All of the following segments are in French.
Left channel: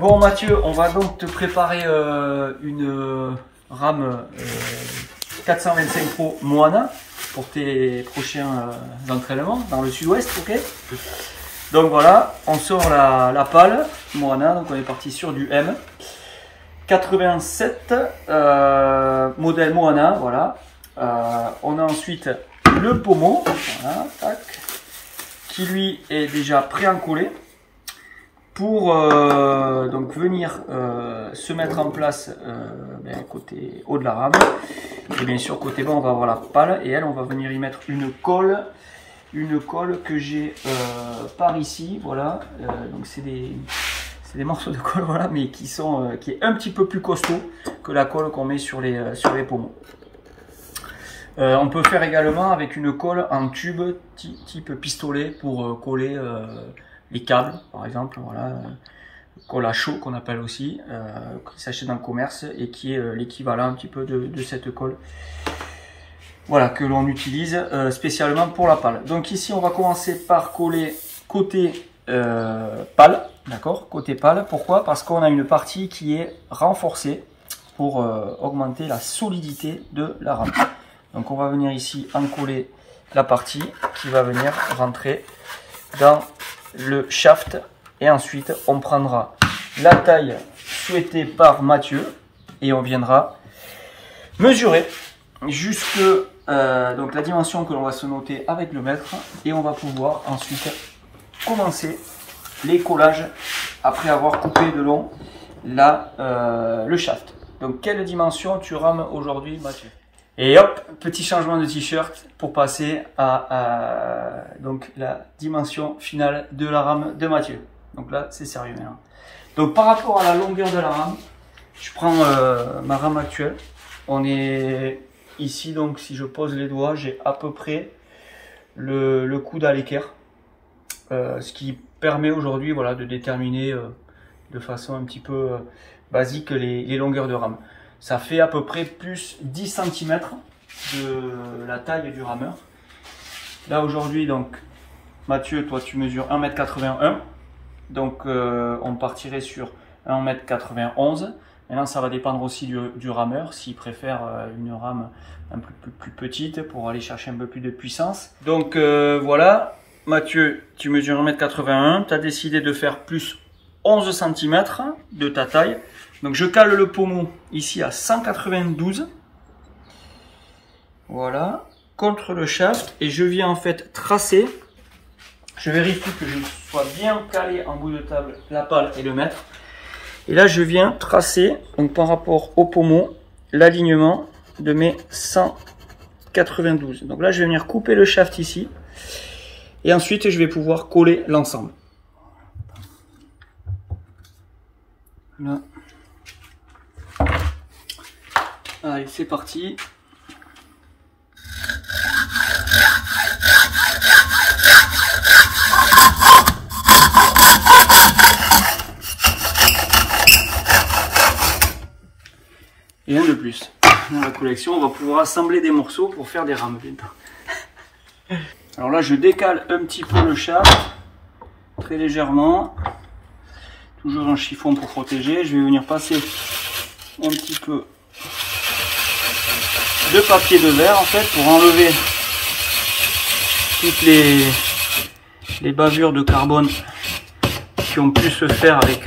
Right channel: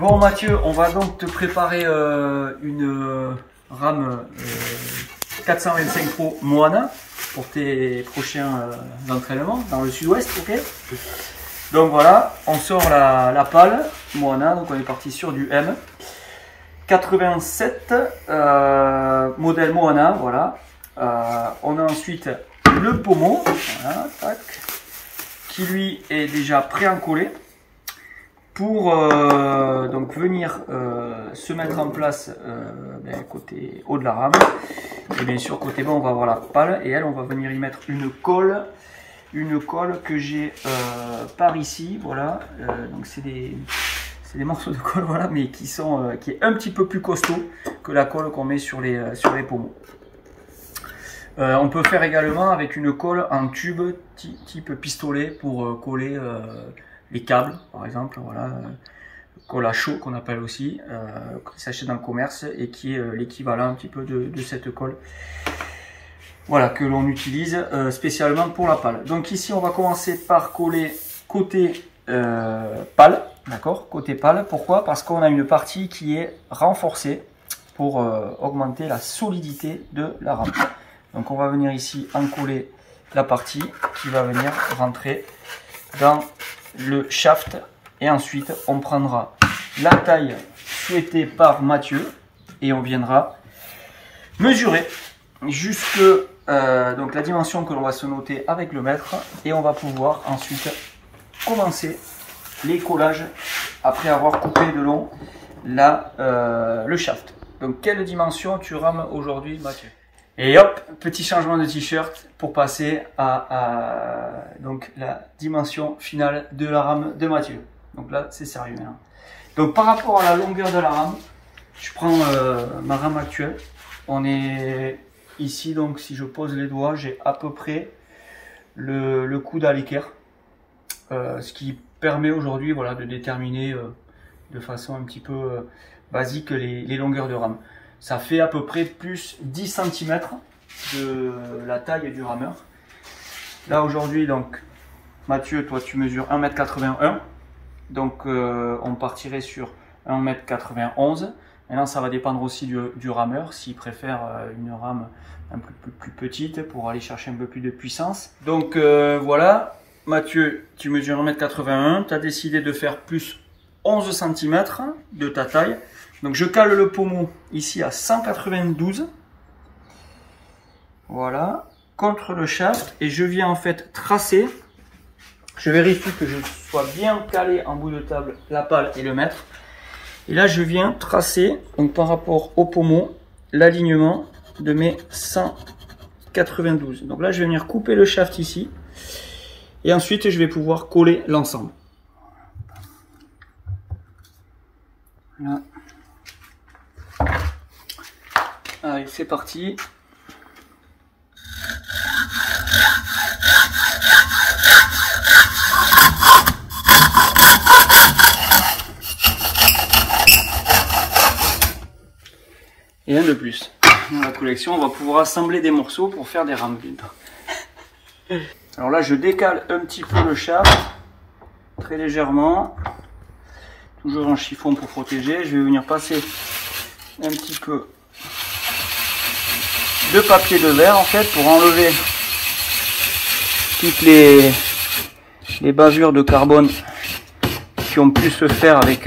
Bon Mathieu, on va donc te préparer une rame 425 Pro Moana pour tes prochains entraînements dans le sud-ouest, ok? Donc voilà, on sort la pale Moana, donc on est parti sur du M. 87, modèle Moana, voilà. On a ensuite le pommeau, voilà, tac, qui lui est déjà pré-encollé pour donc venir se mettre en place côté haut de la rame. Et bien sûr côté bas on va avoir la pale et elle on va venir y mettre une colle que j'ai par ici, voilà. Donc c'est des morceaux de colle, voilà, mais qui est un petit peu plus costaud que la colle qu'on met sur les pommeaux. On peut faire également avec une colle en tube type pistolet pour coller les câbles, par exemple, voilà, colle à chaud qu'on appelle aussi, qui s'achète dans le commerce et qui est l'équivalent un petit peu de cette colle. Voilà, que l'on utilise spécialement pour la pale. Donc ici, on va commencer par coller côté pale, d'accord, côté pale. Pourquoi? Parce qu'on a une partie qui est renforcée pour augmenter la solidité de la rame. Donc on va venir ici encoller la partie qui va venir rentrer dans le shaft. Et ensuite, on prendra la taille souhaitée par Mathieu et on viendra mesurer jusque donc la dimension que l'on va se noter avec le mètre et on va pouvoir ensuite commencer les collages après avoir coupé de long le shaft. Donc quelle dimension tu rames aujourd'hui Mathieu? Et hop, petit changement de t-shirt pour passer à donc la dimension finale de la rame de Mathieu. Donc là c'est sérieux maintenant. Donc par rapport à la longueur de la rame, je prends ma rame actuelle. On est ici, donc si je pose les doigts, j'ai à peu près le coude à l'équerre. Ce qui permet aujourd'hui, voilà, de déterminer de façon un petit peu basique les longueurs de rame. Ça fait à peu près plus 10 cm de la taille du rameur. Là aujourd'hui, donc Mathieu, toi tu mesures 1,81 m. Donc on partirait sur 1,91 m. Maintenant, ça va dépendre aussi du rameur, s'il préfère une rame un peu plus petite pour aller chercher un peu plus de puissance. Donc voilà, Mathieu, tu mesures 1,81 m, tu as décidé de faire plus 11 cm de ta taille. Donc je cale le pommeau ici à 192. Voilà, contre le shaft et je viens en fait tracer. Je vérifie que je sois bien calé en bout de table la pale et le mètre. Et là, je viens tracer, donc par rapport au pommeau, l'alignement de mes 192. Donc là, je vais venir couper le shaft ici. Et ensuite, je vais pouvoir coller l'ensemble. Là. Allez, c'est parti. Et un de plus. Dans la collection, on va pouvoir assembler des morceaux pour faire des rames. Alors là, je décale un petit peu le shaft, très légèrement. Toujours en chiffon pour protéger. Je vais venir passer un petit peu de papier de verre en fait pour enlever toutes les bavures de carbone qui ont pu se faire avec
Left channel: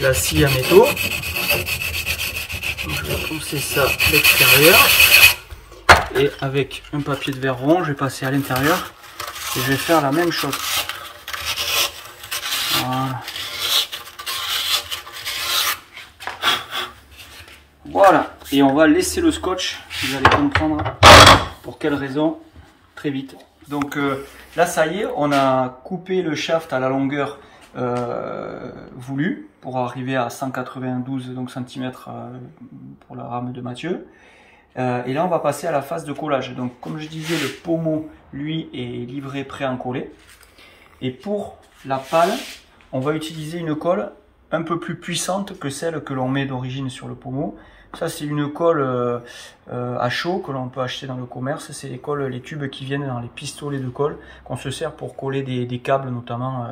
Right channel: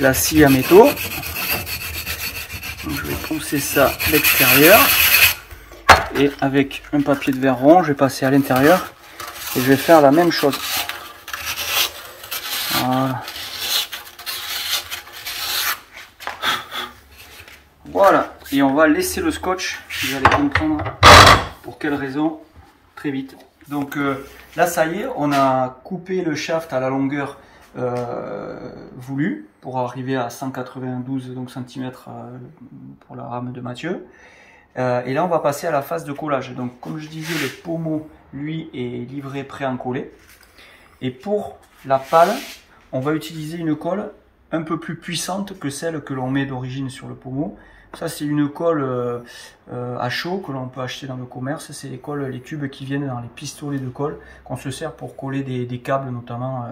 la scie à métaux. Donc, je vais pousser ça à l'extérieur et avec un papier de verre rond je vais passer à l'intérieur et je vais faire la même chose. Voilà. Voilà, et on va laisser le scotch, vous allez comprendre pour quelle raison très vite. Donc là ça y est, on a coupé le shaft à la longueur voulue pour arriver à 192 cm pour la rame de Mathieu. Et là on va passer à la phase de collage. Donc comme je disais, le pommeau lui est livré pré-encollé. Et pour la pale, on va utiliser une colle un peu plus puissante que celle que l'on met d'origine sur le pommeau. Ça c'est une colle à chaud que l'on peut acheter dans le commerce. C'est les tubes qui viennent dans les pistolets de colle qu'on se sert pour coller des câbles notamment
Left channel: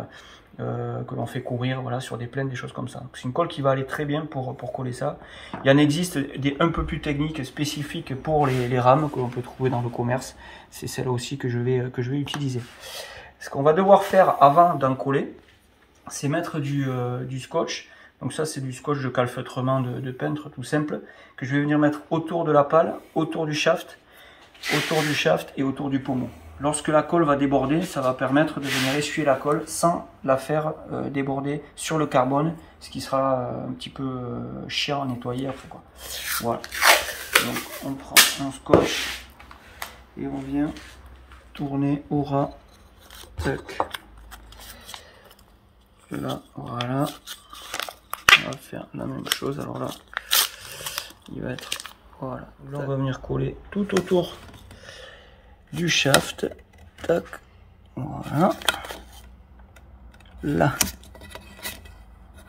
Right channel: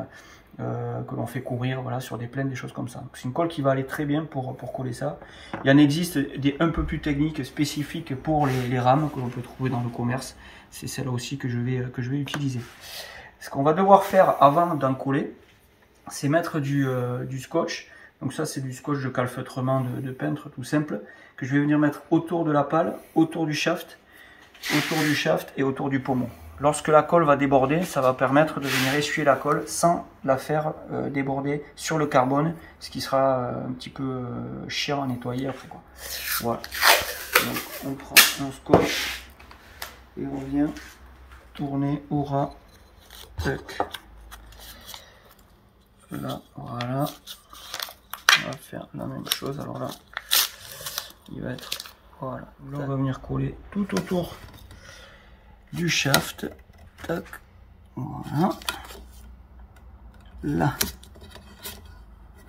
que l'on fait courir, voilà, sur des plaines, des choses comme ça. C'est une colle qui va aller très bien pour coller ça. Il y en existe des un peu plus techniques, spécifiques pour les rames que l'on peut trouver dans le commerce. C'est celle aussi que je vais utiliser. Ce qu'on va devoir faire avant d'en coller, c'est mettre du scotch. Donc ça, c'est du scotch de calfeutrement de peintre tout simple, que je vais venir mettre autour de la pale, autour du shaft et autour du pommeau. Lorsque la colle va déborder, ça va permettre de venir essuyer la colle sans la faire déborder sur le carbone, ce qui sera un petit peu chiant à nettoyer après, quoi. Voilà. Donc on prend un scotch et on vient tourner au ras. Tac. Là, voilà. On va faire la même chose. Alors là, il va être, voilà. Là, on va venir coller tout autour du shaft. Tac. Voilà. Là.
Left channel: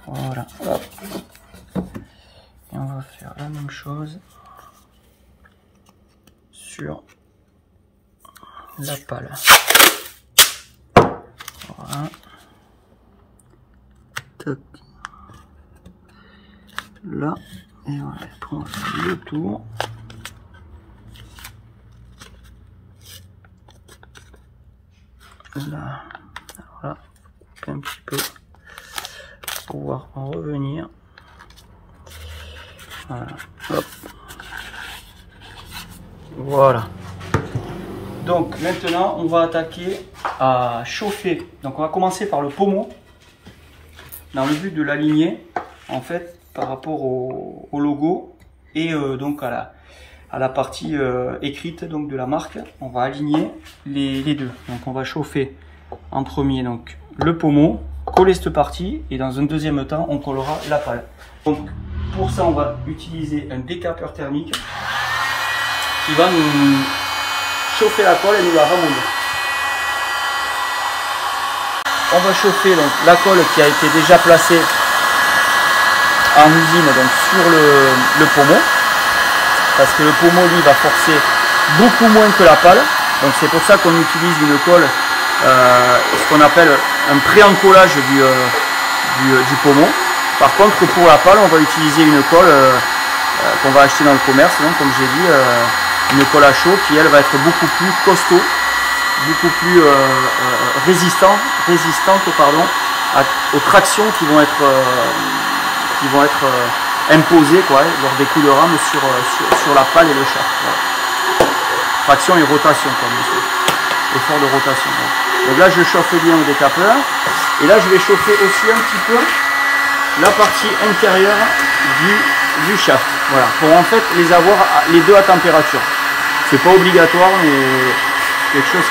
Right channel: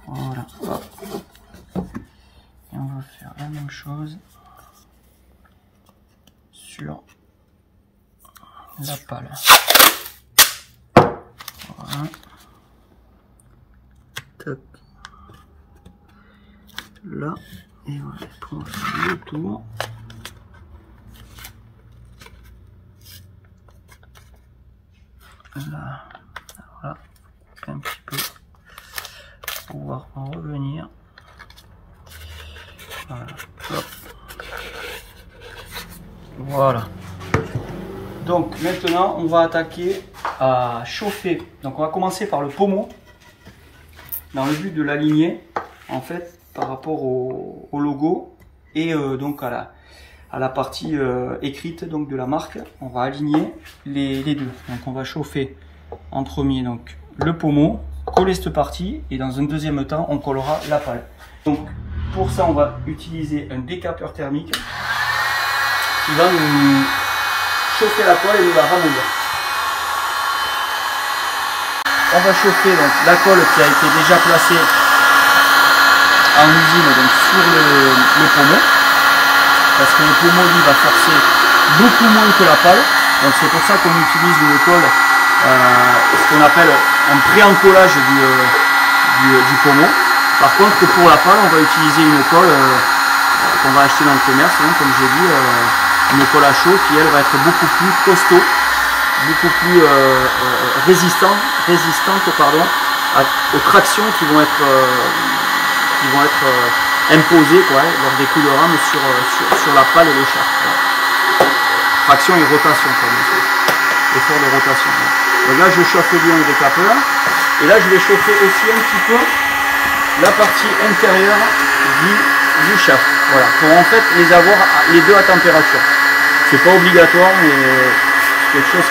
Voilà. Hop. Et on va faire la même chose sur la pale. Voilà. Tac. Là. Et on va prendre le tour. Là. Voilà. Un petit peu pour pouvoir en revenir. Voilà. Hop. Voilà. Donc maintenant on va attaquer à chauffer. Donc on va commencer par le pommeau dans le but de l'aligner en fait par rapport au logo et donc à la partie écrite donc de la marque. On va aligner les deux. Donc on va chauffer en premier donc le pommeau, coller cette partie et dans un deuxième temps on collera la pale. Donc pour ça on va utiliser un décapeur thermique qui va nous chauffer la colle et nous la ramollir. On va chauffer donc la colle qui a été déjà placée en usine donc sur le pommeau, parce que le pommeau lui va forcer beaucoup moins que la pale. Donc c'est pour ça qu'on utilise une colle, ce qu'on appelle un pré-encollage du pommeau. Par contre pour la pale on va utiliser une colle qu'on va acheter dans le commerce, donc, comme j'ai dit. Une colle à chaud qui elle va être beaucoup plus costaud, beaucoup plus résistante pardon, aux tractions qui vont être imposées quoi, lors des coups de rame sur la pale et le shaft. Voilà. Traction et rotation, pardon, effort de rotation. Voilà. Donc là je chauffe bien le décapeur et là je vais chauffer aussi un petit peu la partie intérieure du shaft. Voilà, pour en fait les avoir les deux à température. C'est pas obligatoire, mais c'est quelque chose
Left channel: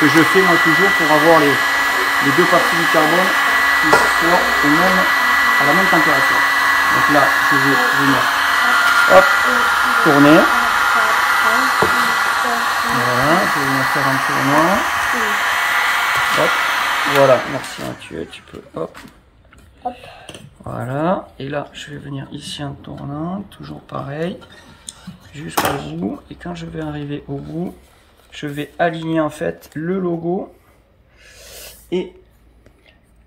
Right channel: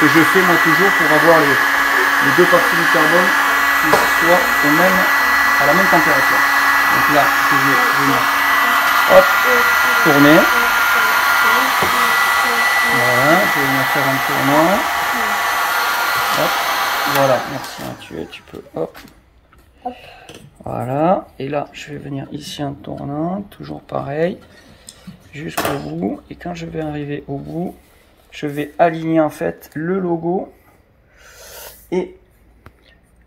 que je fais moi toujours pour avoir les deux parties du carbone qui soient à la même température. Donc là, je vais venir hop, tourner. Voilà, je vais venir faire un tournant. Hop, voilà, merci Mathieu, tu peux hop. Voilà, et là je vais venir ici en tournant, toujours pareil, jusqu'au bout. Et quand je vais arriver au bout, je vais aligner en fait le logo et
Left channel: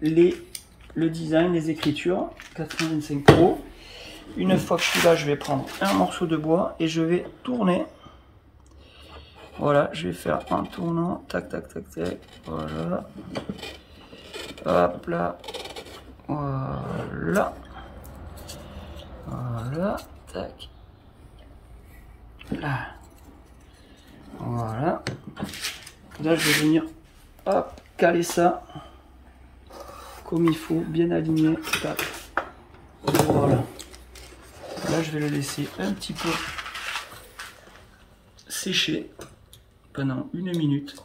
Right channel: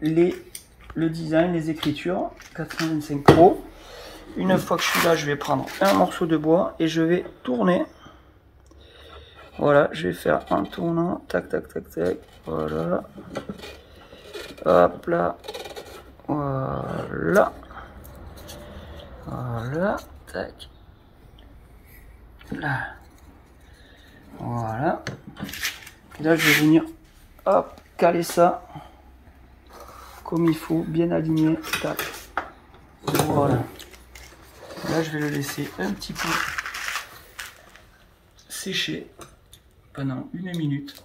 le design, les écritures 425 Pro. Une fois que je suis là, je vais prendre un morceau de bois et je vais tourner. Voilà, je vais faire un tournant, tac tac tac tac, voilà, hop là. Voilà, voilà, tac, là, voilà. Et là, je vais venir, hop, caler ça comme il faut, bien aligné, tac. Voilà. Là, je vais le laisser un petit peu sécher pendant 1 minute,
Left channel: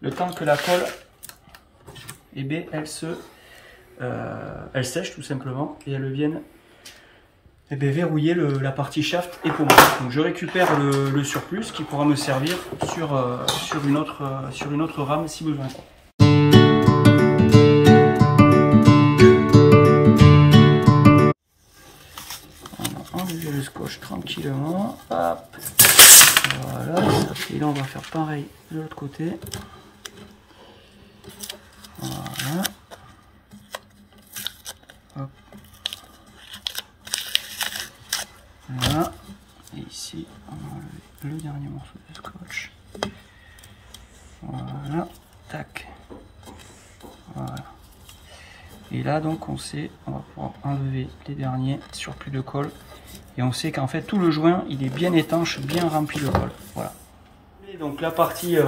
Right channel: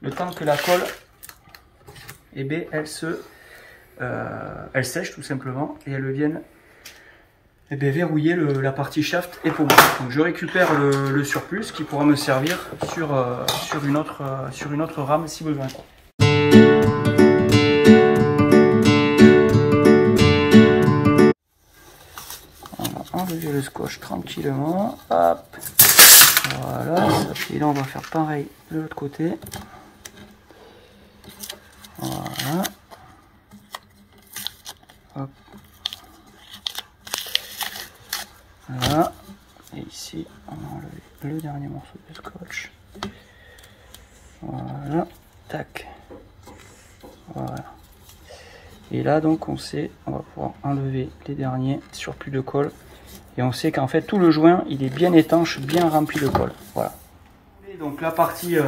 le temps que la colle, eh bien, elle sèche tout simplement et elle vienne verrouiller la partie shaft et pommeau. Donc je récupère le surplus qui pourra me servir sur une autre rame si besoin. On va enlever le scotch tranquillement. Hop. Voilà. Et là on va faire pareil de l'autre côté. Voilà. là donc on sait, on va pouvoir enlever les derniers surplus de colle. Et on sait qu'en fait tout le joint il est bien étanche, bien rempli de colle. Voilà. Et donc la partie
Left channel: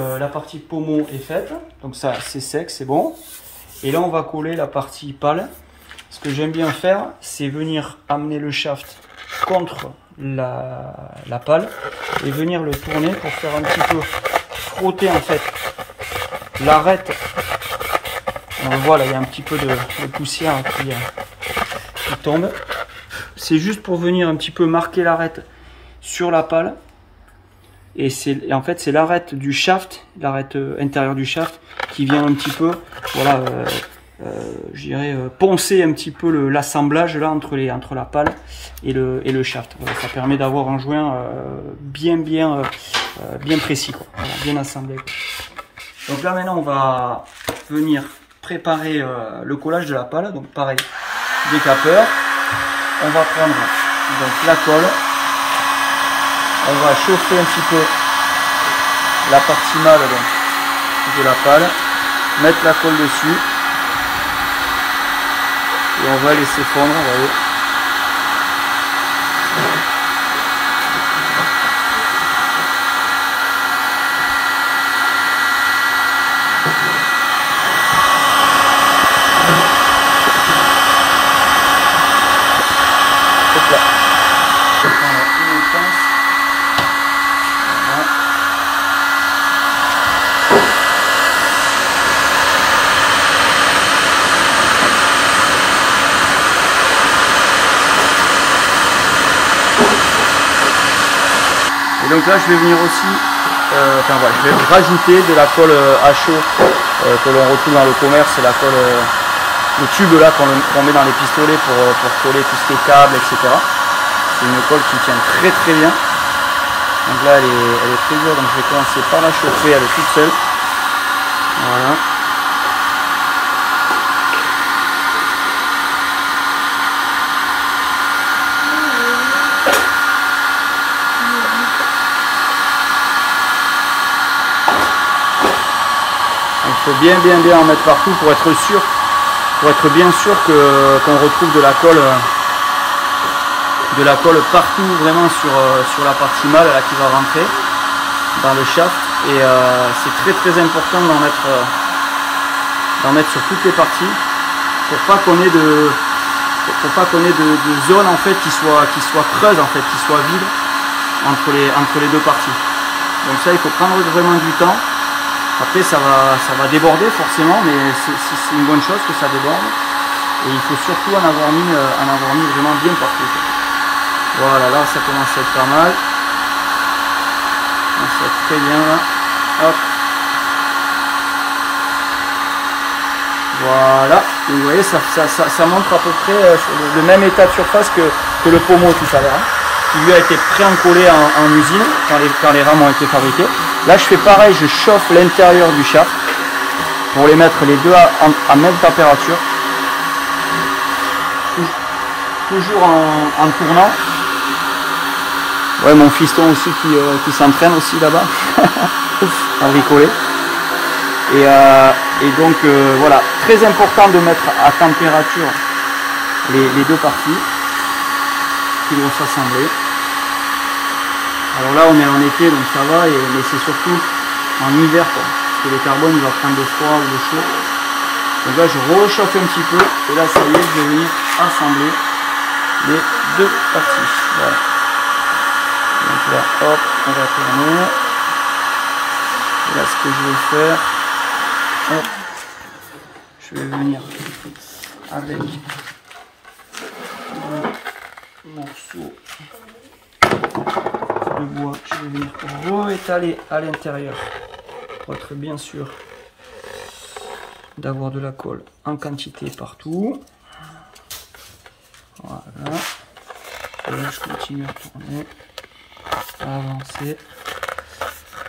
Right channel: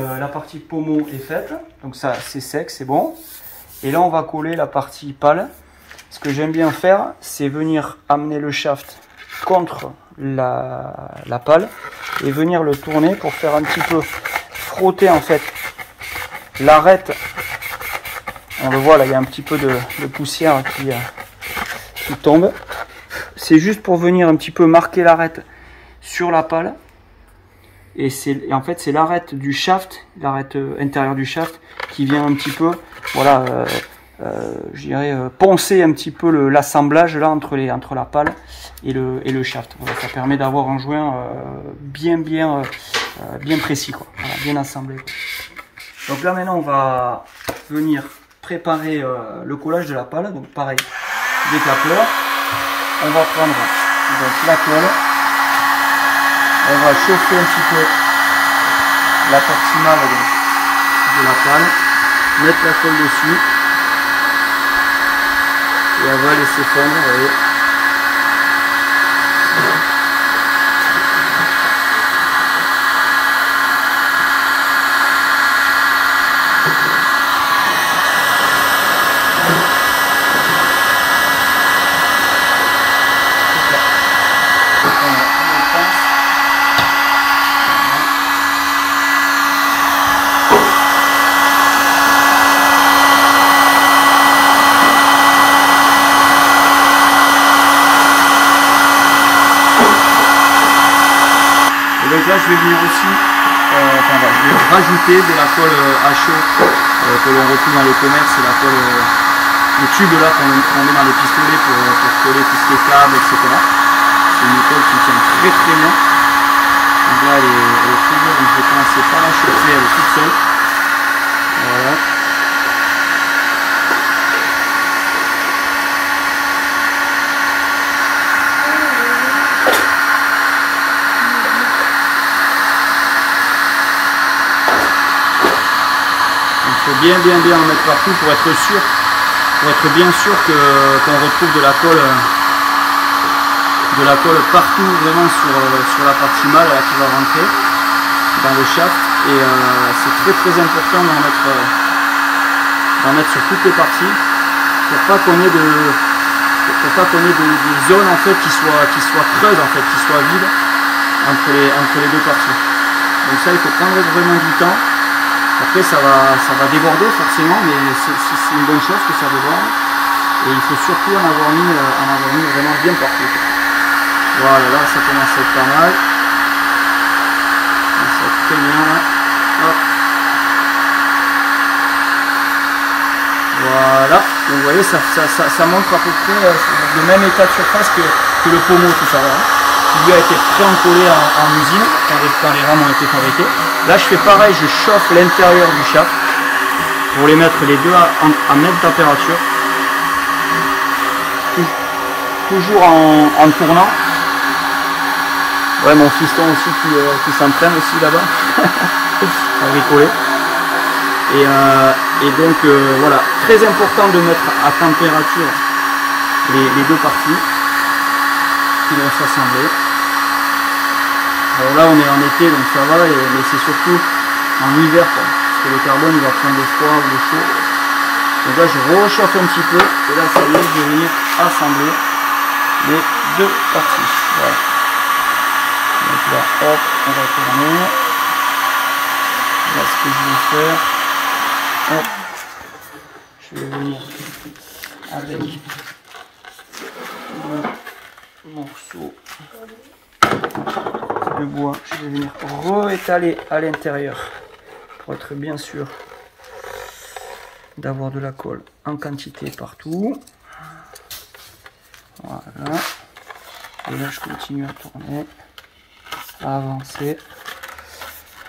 pommeau est faite. Donc ça c'est sec, c'est bon. Et là on va coller la partie pale. Ce que j'aime bien faire, c'est venir amener le shaft contre la pale et venir le tourner pour faire un petit peu frotter en fait l'arête. On le voit là, il y a un petit peu de poussière qui tombe. C'est juste pour venir un petit peu marquer l'arête sur la pale. Et en fait c'est l'arête du shaft, l'arête intérieure du shaft qui vient un petit peu, voilà, je dirais poncer un petit peu l'assemblage là entre la pale et le shaft. Voilà, ça permet d'avoir un joint bien précis, quoi. Voilà, bien assemblé, quoi. Donc là maintenant on va venir préparer le collage de la pale. Donc pareil, décapeur. On va prendre donc la colle. On va chauffer un petit peu la partie mâle de la pale, mettre la colle dessus et on va laisser fondre, vous voyez. Et donc là je vais venir aussi, voilà, je vais rajouter de la colle à chaud que l'on retrouve dans le commerce, la colle, le tube là qu'on met dans les pistolets pour coller tout ce qui est câble, etc. C'est une colle qui tient très bien. Donc là elle est très dure, donc je vais commencer par la chauffer, elle est toute seule. Voilà. Il faut bien en mettre partout pour être sûr, bien sûr qu'on retrouve de la colle partout, vraiment sur la partie mâle là qui va rentrer dans le shaft. Et c'est très important d'en mettre sur toutes les parties pour pas qu'on ait de zones en fait qui soient creuses, en fait, qui soient vides entre les deux parties. Donc ça il faut prendre vraiment du temps. Après ça va déborder forcément, mais c'est une bonne chose que ça déborde. Et il faut surtout en avoir mis vraiment bien partout. Voilà, là ça commence à être pas mal. Ça va être très bien là. Hop. Voilà. Donc, vous voyez, ça montre à peu près le même état de surface que le pommeau tout à l'heure, qui lui a été pré-encollé en usine quand les rames ont été fabriquées. Là je fais pareil, je chauffe l'intérieur du shaft pour les mettre les deux à même température, toujours en tournant. Ouais, mon fiston aussi qui s'entraîne aussi là-bas à bricoler. Et donc voilà, très important de mettre à température les deux parties qui vont s'assembler. Alors là on est en été donc ça va, mais c'est surtout en hiver quoi, parce que le carbone il va prendre le froid ou le chaud. Donc là je rechauffe un petit peu et là ça y est, je vais venir assembler les deux parties. Voilà. Donc là hop, on va tourner. Là ce que je vais faire, hop, je vais venir avec un morceau de bois, je vais venir réétaler à l'intérieur pour être bien sûr d'avoir de la colle en quantité partout. Voilà. Et là je continue à tourner, à avancer,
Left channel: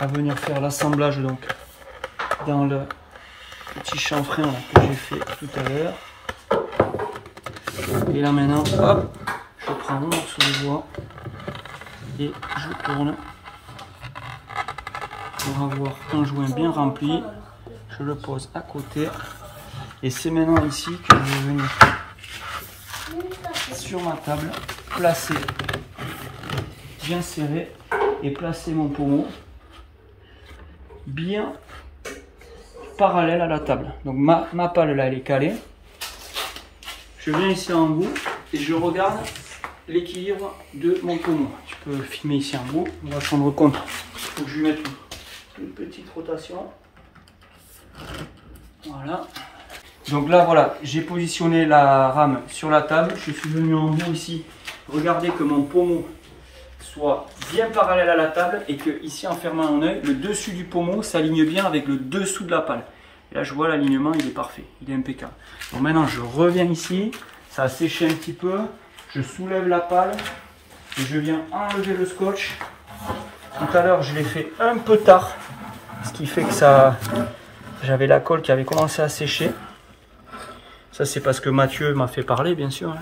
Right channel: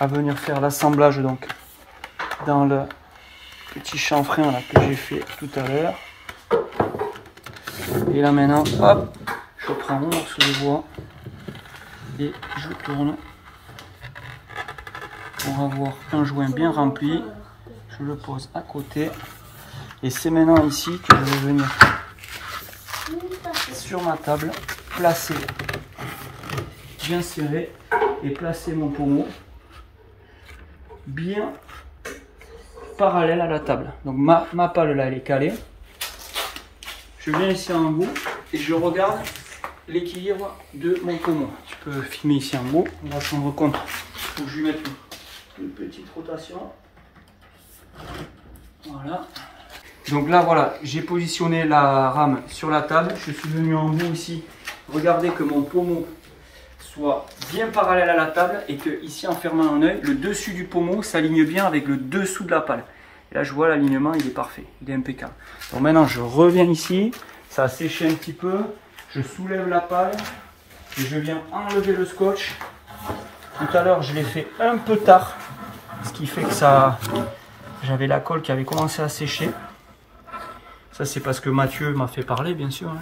à venir faire l'assemblage donc dans le petit chanfrein là que j'ai fait tout à l'heure. Et là maintenant, hop, je prends mon morceau de bois et je tourne pour avoir un joint bien rempli. Je le pose à côté Et c'est maintenant ici que je vais venir sur ma table, placer, bien serré, et placer mon pommeau bien parallèle à la table. Donc ma pale là, elle est calée. Je viens ici en haut et je regarde l'équilibre de mon pommeau. Tu peux filmer ici en haut, on va se rendre compte. Donc, je vais mettre une petite rotation. Voilà. Donc là, voilà, j'ai positionné la rame sur la table. Je suis venu en haut ici. Regardez que mon pommeau soit bien parallèle à la table et que ici, en fermant un œil, le dessus du pommeau s'aligne bien avec le dessous de la pale. Et là, je vois l'alignement, il est parfait, il est impeccable. Donc maintenant, je reviens ici. Ça a séché un petit peu. Je soulève la pale et je viens enlever le scotch. Tout à l'heure, je l'ai fait un peu tard, ce qui fait que ça, j'avais la colle qui avait commencé à sécher. Ça, c'est parce que Mathieu m'a fait parler, bien sûr. Hein,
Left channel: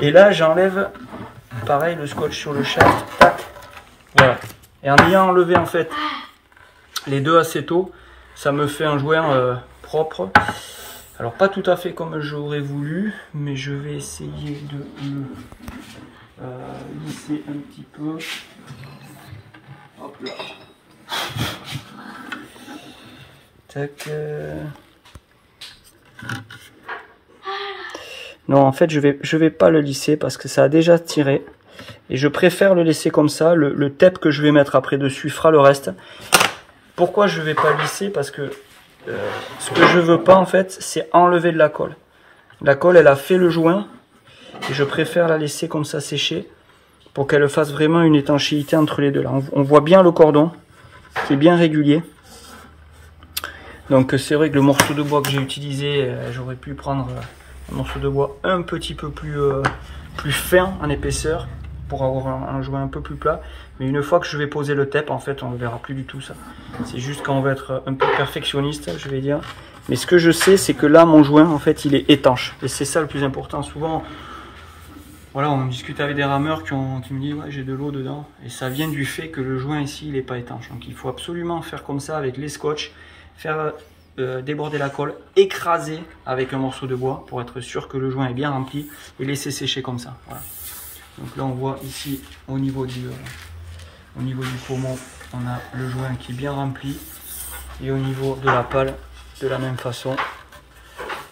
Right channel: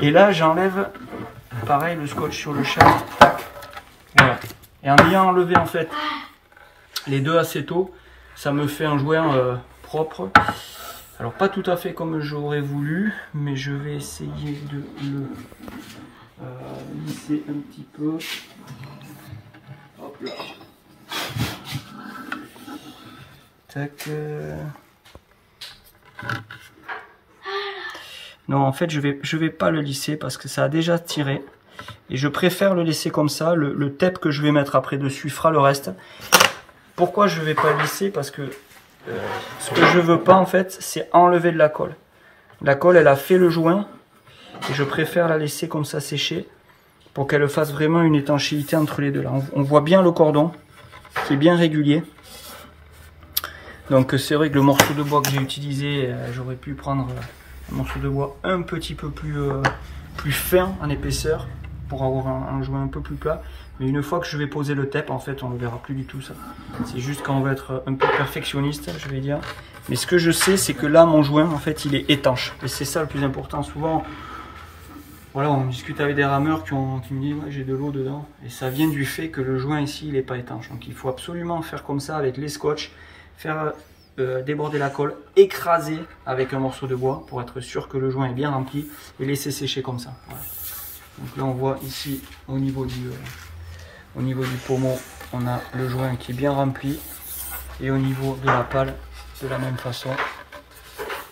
et là, j'enlève, pareil, le scotch sur le shaft. Tac. Voilà. Et en ayant enlevé, en fait, les deux acétos, ça me fait un joint propre. Alors, pas tout à fait comme j'aurais voulu, mais je vais essayer de le lisser un petit peu. Hop là. Tac. Non, en fait, je vais pas le lisser parce que ça a déjà tiré. Et je préfère le laisser comme ça. Le tape que je vais mettre après dessus fera le reste. Pourquoi je vais pas lisser? Parce que ce que je veux pas, en fait, c'est enlever de la colle. La colle, elle a fait le joint. Et je préfère la laisser comme ça sécher pour qu'elle fasse vraiment une étanchéité entre les deux. Là, on voit bien le cordon qui est bien régulier. Donc c'est vrai que le morceau de bois que j'ai utilisé, j'aurais pu prendre un morceau de bois un petit peu plus fin en épaisseur pour avoir un joint un peu plus plat. Mais une fois que je vais poser le tape, en fait, on ne verra plus du tout ça. C'est juste quand on veut être un peu perfectionniste, je vais dire. Mais ce que je sais, c'est que là, mon joint, en fait, il est étanche. Et c'est ça le plus important. Souvent, voilà, on discute avec des rameurs qui me disent ouais, j'ai de l'eau dedans. Et ça vient du fait que le joint ici, il n'est pas étanche. Donc il faut absolument faire comme ça avec les scotch, faire déborder la colle, écraser avec un morceau de bois pour être sûr que le joint est bien rempli et laisser sécher comme ça. Voilà. Donc là, on voit ici au niveau du pommeau, on a le joint qui est bien rempli. Et au niveau de la pale, de la même façon,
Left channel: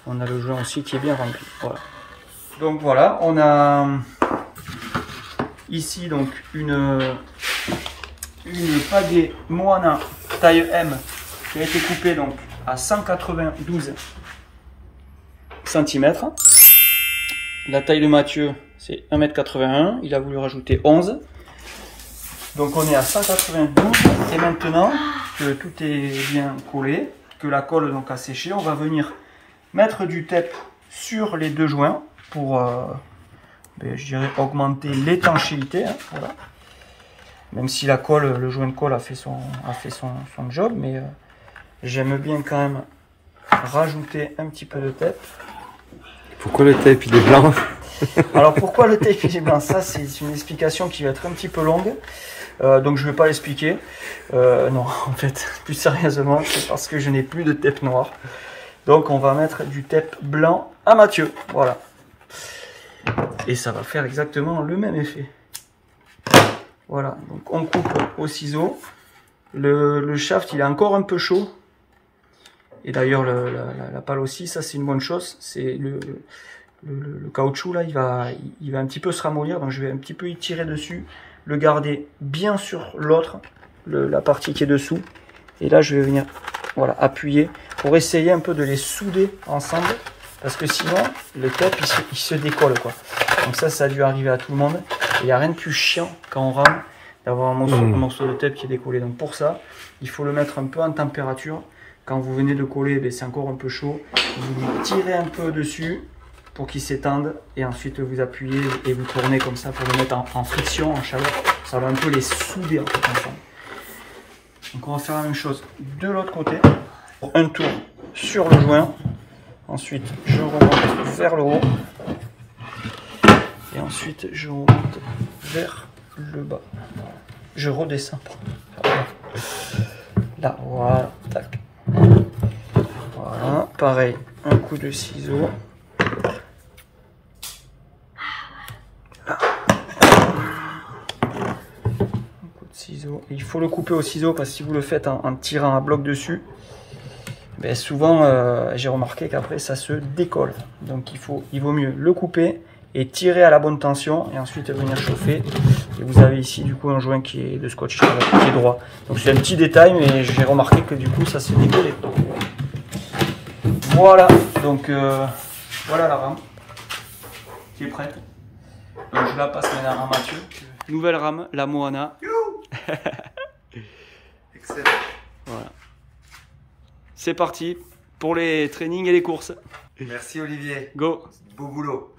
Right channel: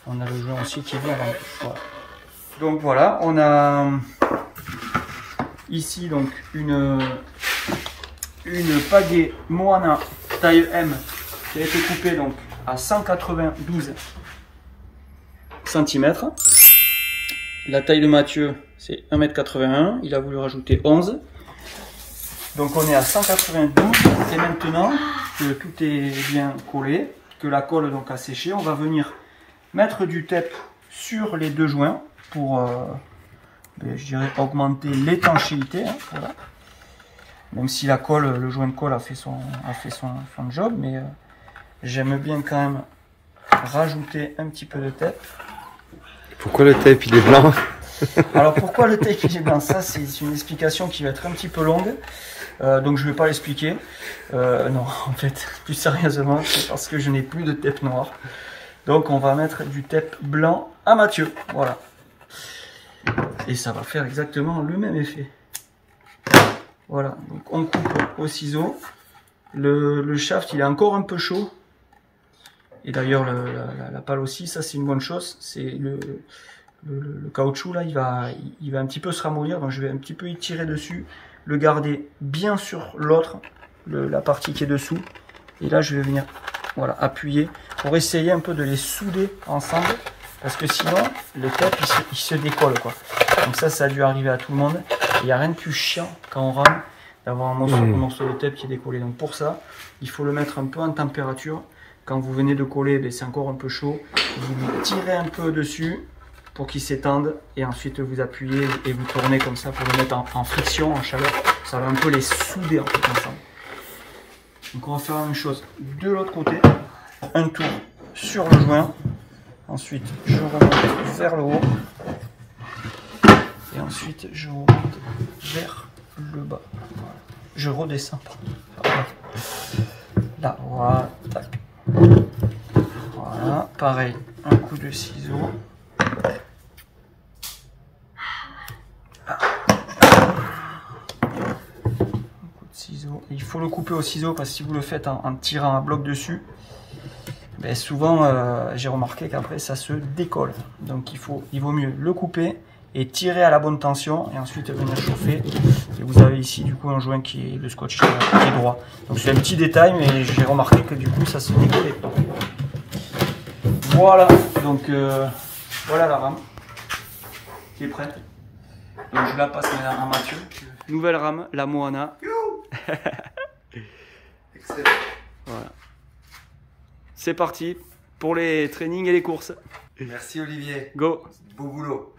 on a le joint aussi qui est bien rempli. Voilà. Donc voilà, on a ici donc une pagaie Moana taille M qui a été coupée donc à 192 cm. La taille de Mathieu, c'est 1,81 m. Il a voulu rajouter 11. Donc on est à 192. Et maintenant que tout est bien collé, que la colle donc a séché, on va venir mettre du tape sur les deux joints pour, je dirais, augmenter l'étanchéité. Hein, voilà. Même si la colle, le joint de colle a fait son job, mais j'aime bien quand même rajouter un petit peu de tape. Pourquoi le tape il est blanc? Alors pourquoi le tape il est blanc? Ça c'est une explication qui va être un petit peu longue. Donc je ne vais pas l'expliquer. Non, en fait, plus sérieusement, c'est parce que je n'ai plus de tape noir. Donc on va mettre du tape blanc à Mathieu. Voilà. Et ça va faire exactement le même effet. Voilà, donc on coupe au ciseau. Le shaft il est encore un peu chaud. Et d'ailleurs la pale aussi, ça c'est une bonne chose. C'est le caoutchouc là, il va un petit peu se ramollir. Donc je vais un petit peu y tirer dessus. Le garder bien sur l'autre, la partie qui est dessous. Et là je vais venir voilà, appuyer pour essayer un peu de les souder ensemble. Parce que sinon, le tape, il se décolle, quoi. Donc ça a dû arriver à tout le monde. Il n'y a rien de plus chiant quand on rame d'avoir un morceau de tape qui est décollé. Donc pour ça, il faut le mettre un peu en température. Quand vous venez de coller, ben, c'est encore un peu chaud. Vous lui tirez un peu dessus pour qu'il s'étende. Et ensuite, vous appuyez et vous tournez comme ça pour le mettre en friction, en chaleur. Ça va un peu les souder en fait ensemble. Donc on va faire la même chose de l'autre côté. Un tour sur le joint. Ensuite, je remonte vers le haut. Et ensuite, je remonte vers le bas. Voilà. Je redescends. Là, voilà. Tac. Voilà. pareil, un coup de ciseau. Ciseaux. Il faut le couper au ciseau parce que si vous le faites en tirant un bloc dessus, ben souvent j'ai remarqué qu'après ça se décolle. Donc il vaut mieux le couper et tirer à la bonne tension et ensuite venir chauffer. Et vous avez ici du coup un joint qui est de scotch qui est droit. Donc c'est un petit détail mais j'ai remarqué que du coup ça s'est décollé. Voilà, donc voilà la rame qui est prête. Donc je la passe maintenant à Mathieu. Nouvelle rame, la Moana. Excellent. Voilà. C'est parti pour les trainings et les courses. Merci Olivier. Go. Beau boulot.